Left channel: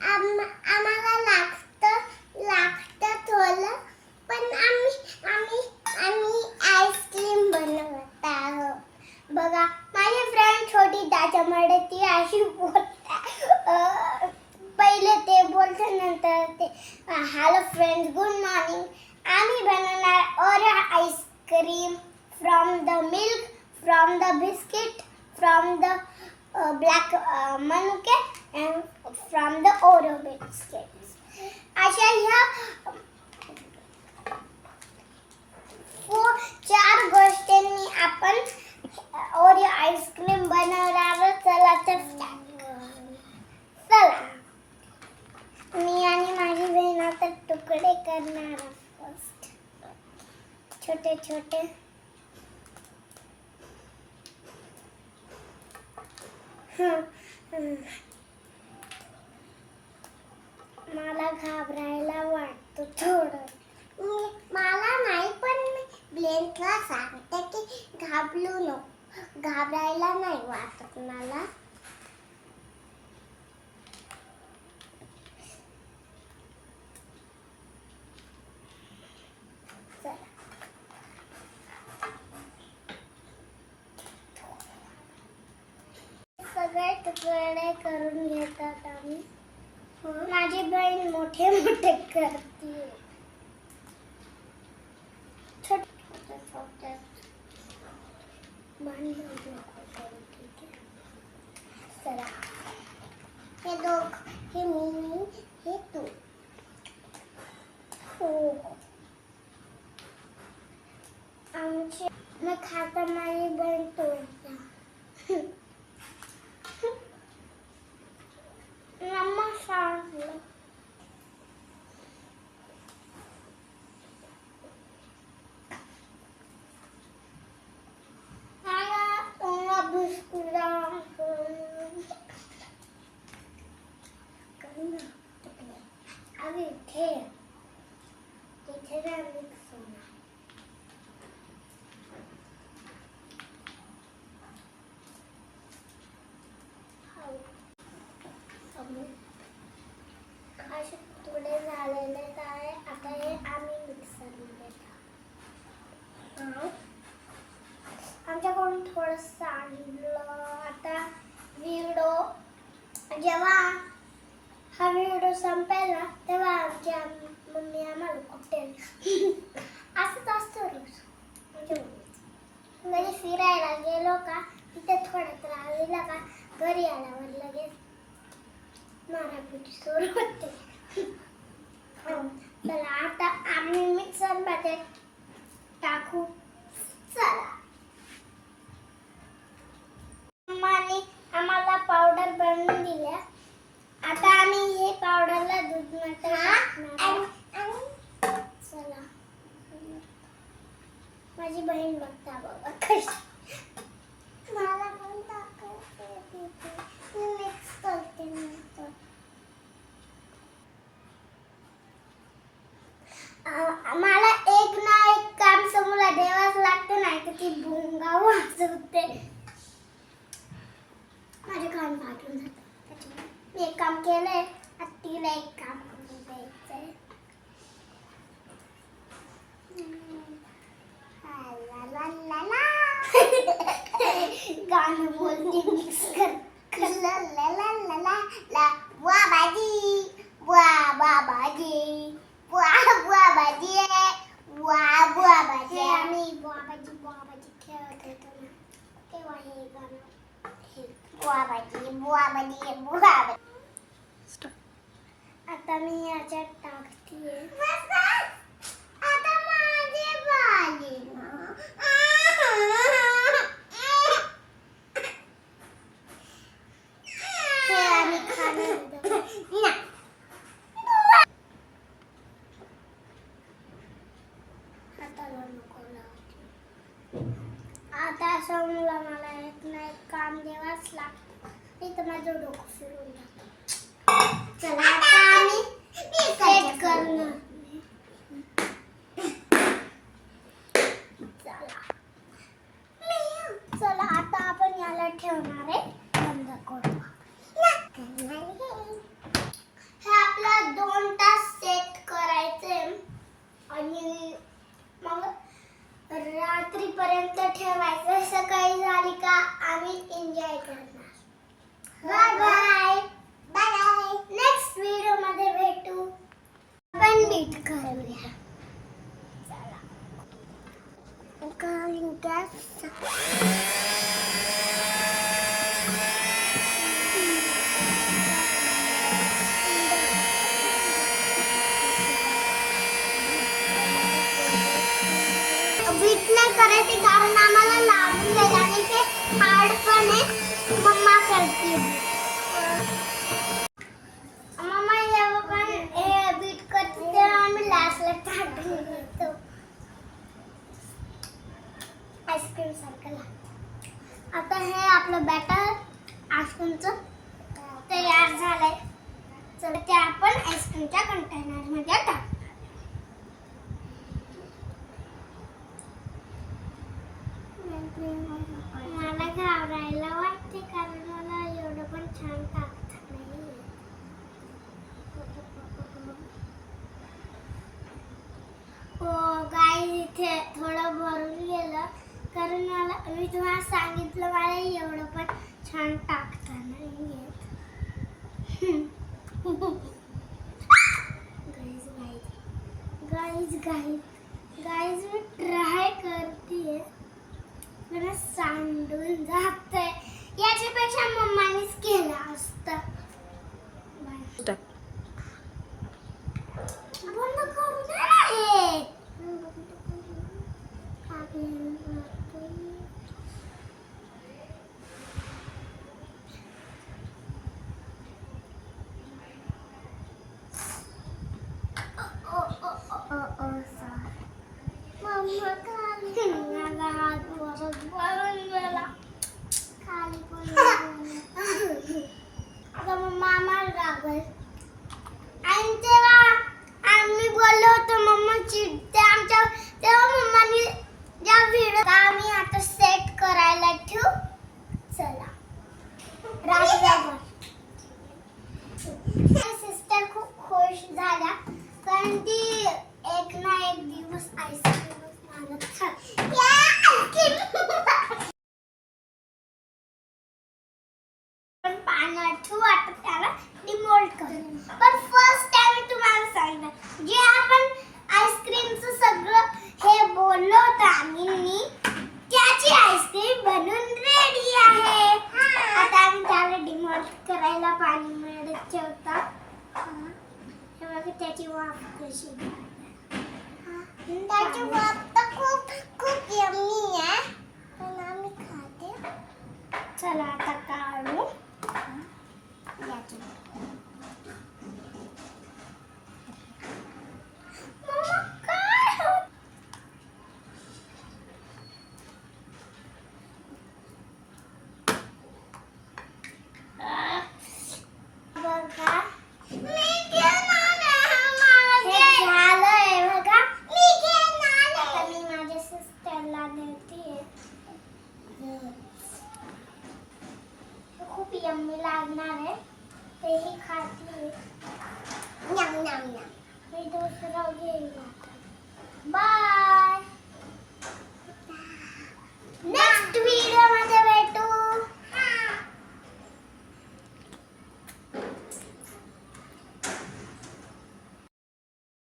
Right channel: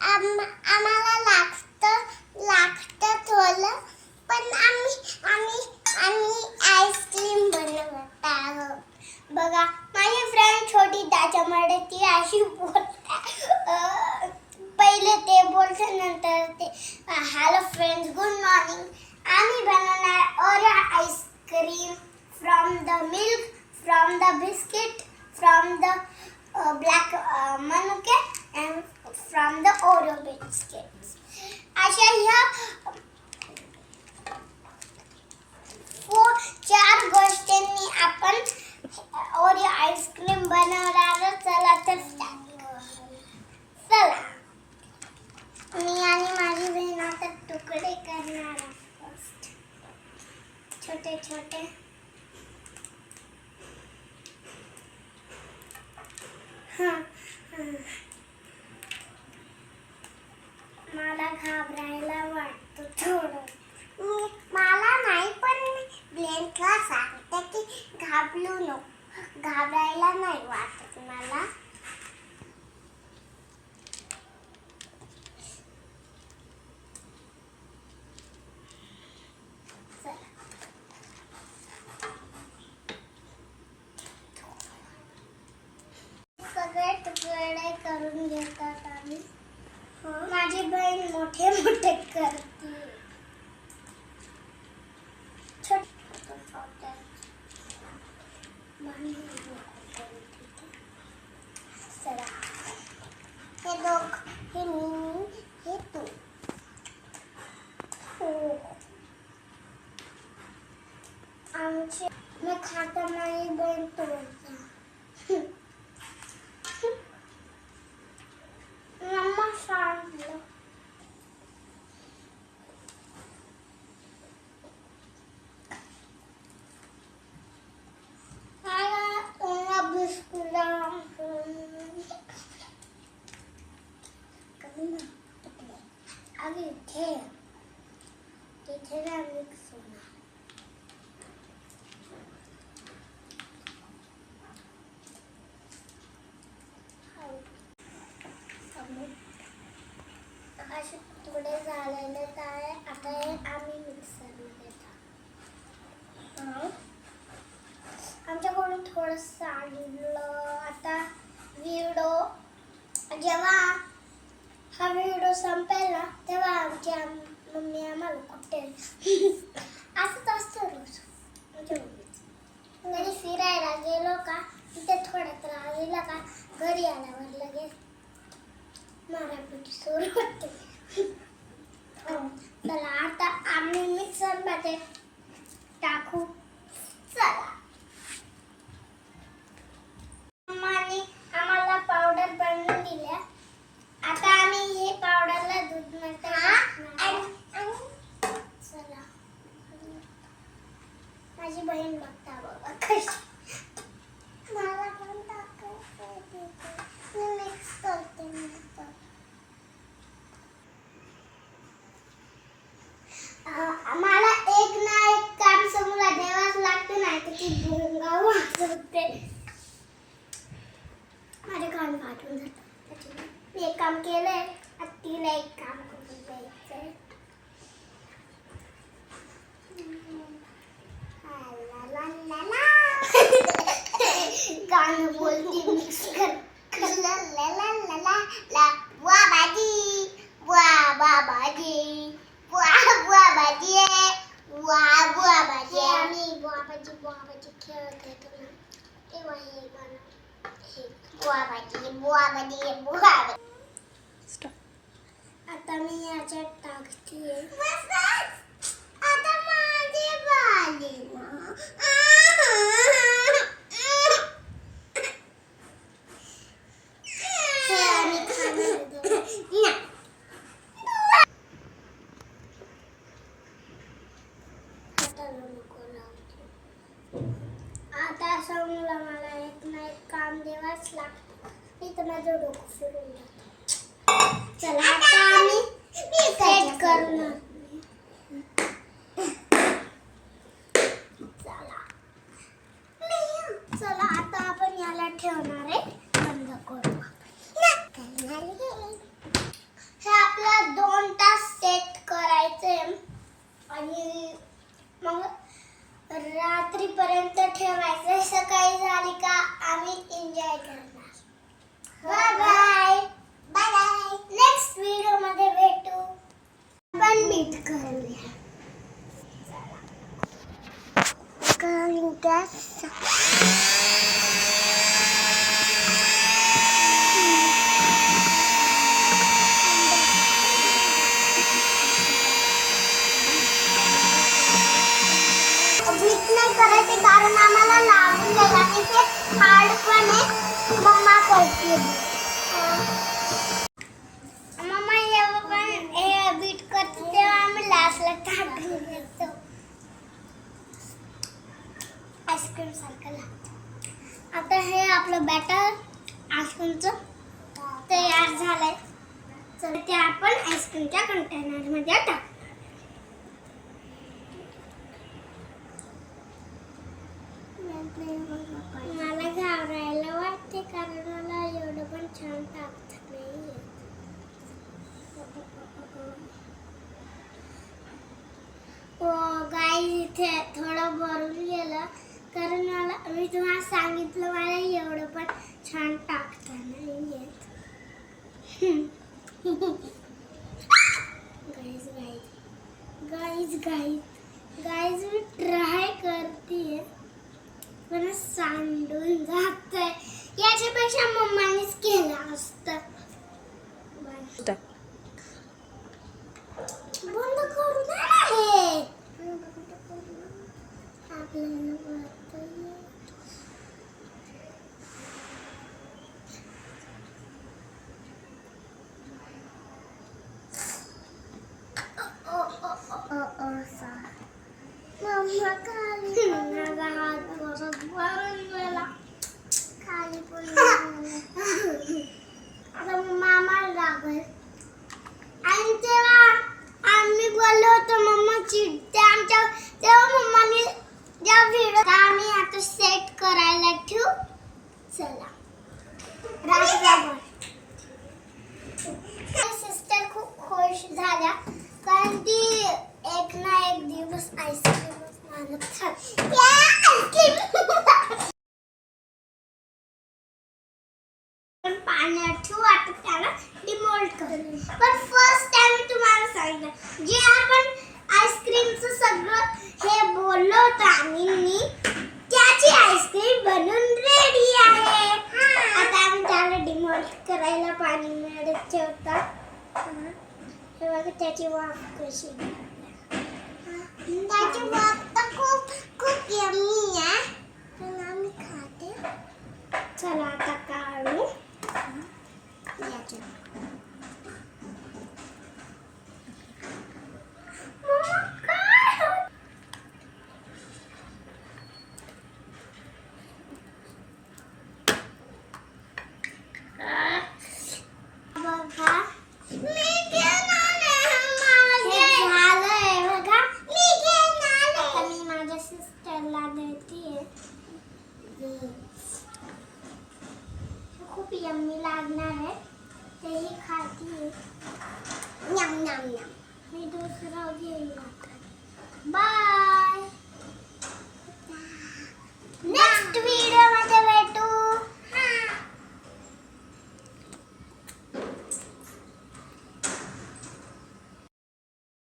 आम्हाला लागतं थोडं, पण आम्ही आईस्क्रीम बनवत आहोत. बघा माझी फ्रेंड छोटी त्याच्यामुळे ती अशी बोलते. पहिले ते बोलते, नंतर ते हॅलो फ्रेंड्स, गुड मॉर्निंग. आम्ही बनवणार Oreo ice cream from the milk, from the biscuit, from the black manuka and from the Oreo biscuits. अशा ह्या 4 गोष्टींनी आपण ओरिओ आईस्क्रीम बनवणार. चला तर चला, मी आणि माझी बहीण आता तुकडे करणार फर्स्ट, छोटे छोटे. मला घाबरायला वाटतं थोडं. मला नाही, पण ब्लेंकला सांगते की घाबरू नको, घाबरायला नाही वाटत मला. सगळे तुकडे करून घेतात आम्ही. माझी बहीण मोठे मोठे करते. छोटे छोटे चला, हे दोघ, हे मी, हे तू. आमची मी खाता, माझी बहीण तोडते. मम्मा सांगलं. अभी तिथे ना मिक्स होणार. असे तुकडे झालेले आहे. आता हे आम्ही मिक्सरमध्ये टाकू. आमच्याकडून थोडंसं आणलं. आता जेव्हा हा व्हिडिओ संपेल ना, तेव्हा आमची मम्मी आम्हाला कुठेल. असंच असतं रोज. म्हणजे फिरायला गेलो का, तिथे थोडा त्रास दिला का, घरी आल्यावर लगेच मारापिटी सुरू होते. चला आता आम्ही मिक्सरमध्ये टाकू. चला, मम्माने आम्हाला पावडर बनवून दिल्या. आता आम्ही हे पावडरला दूधमध्ये टाकणार. चला, माझी बहीण बघता बाबा कशी. मला पण टाकायचं, मी मिक्स करते नंतर. मला एक ना एक काम समोर द्यावाच लागते, नाही तर ती भुंगा वाजवते. माझे कान फाटून जातात. मी एक काम केलंय, तिला एक काम करून द्यायचंय. गाणं बोलते मिक्स कर. ला ला ला ला ला ला, वा बाजी, वा बाबाजी, वा वा बाजी, वा वा बाजी. आम्ही बाबाजी खेळत होतो ना, तेव्हा हे गाणं. बुवा बाजी. आता मी याच्यात टाकते. आता माझे बाले आम्ही खाणार. आता समोर मला एक ना एक काम द्यावाच लागतं, नाही तर माझं डोकं फिरून जातं. चला आता आम्ही सेट करणार. चला आता आपण याला ठेवणार आहे. बंद करू. ठेवायचं. सकाळी झाली का आम्ही एन्जॉय करणार. Bye bye bye bye. Next video मध्ये भेटू. आपण नीट करूया. बीट नाही करायचे कारण आम्हाला लागून जाईल आणि ते हार्ड पण आहे. मम्मा करते. मम्मा जेव्हा पण हे बीट करते तेव्हा आम्ही लास्टला टाकून देतो. आईस्क्रीम सारखं लागतं. आता हे आपलं बॅटर आईस्क्रीमचं तयार झालंय. तर ते आपण आईस्क्रीमच्या कंटेनरमध्ये टाकू. मला घाबरायला वाटते कारण मला एवढं पण छान टाकता नाही येत. हो गाईज, इथे थोडं भरून गेलं कारण मी तुम्हाला सांगितलं मला एवढं पण छान टाकता नाही येत. गाईज मी ट्राय करते पण सांडून जातंय. याच्यापेक्षा मम्मानीच केलं असतं. बंद करू दे ना हे. आपल्याला वाटतंय. मम्मा खाली माझा हात परत वरून गेला. खाली पण आता मम्मा आम्हाला रागवल. आणि तेव्हा आम्ही बोललो होतो मम्मा चिडते आमच्या. तेव्हा मम्माने ज्या व्हिडिओ आम्ही आता सेट करायला ठेवू. चला रात्रभर. सिस्टर खूप खुश झाल्या कारण ती एक ना एक दिवस आईस्क्रीमच मारत पाण्यात ठेवू. आता त्याला डिमोल्ड करू. पण फर्स्ट टाइम तुम्हाला सांगितलं जे आपण आईस्क्रीमचं सगळं हे बोललो होतं आम्ही त्याची आईस्क्रीम बनून रेडी आहे. आता आम्ही त्याला डिमोल्ड करायला पाणी मिळत ठेवतात. हे बघा त्याची वाफ कशी. त्याची वाफ तर खूप खूप यम्मी आहे. पण आम्ही खाते. चला आता काढू. खूप यम्मी लागणार आहे. तेही खाते. नम नम नम. मी दुसरं घेईल. बाय. Next video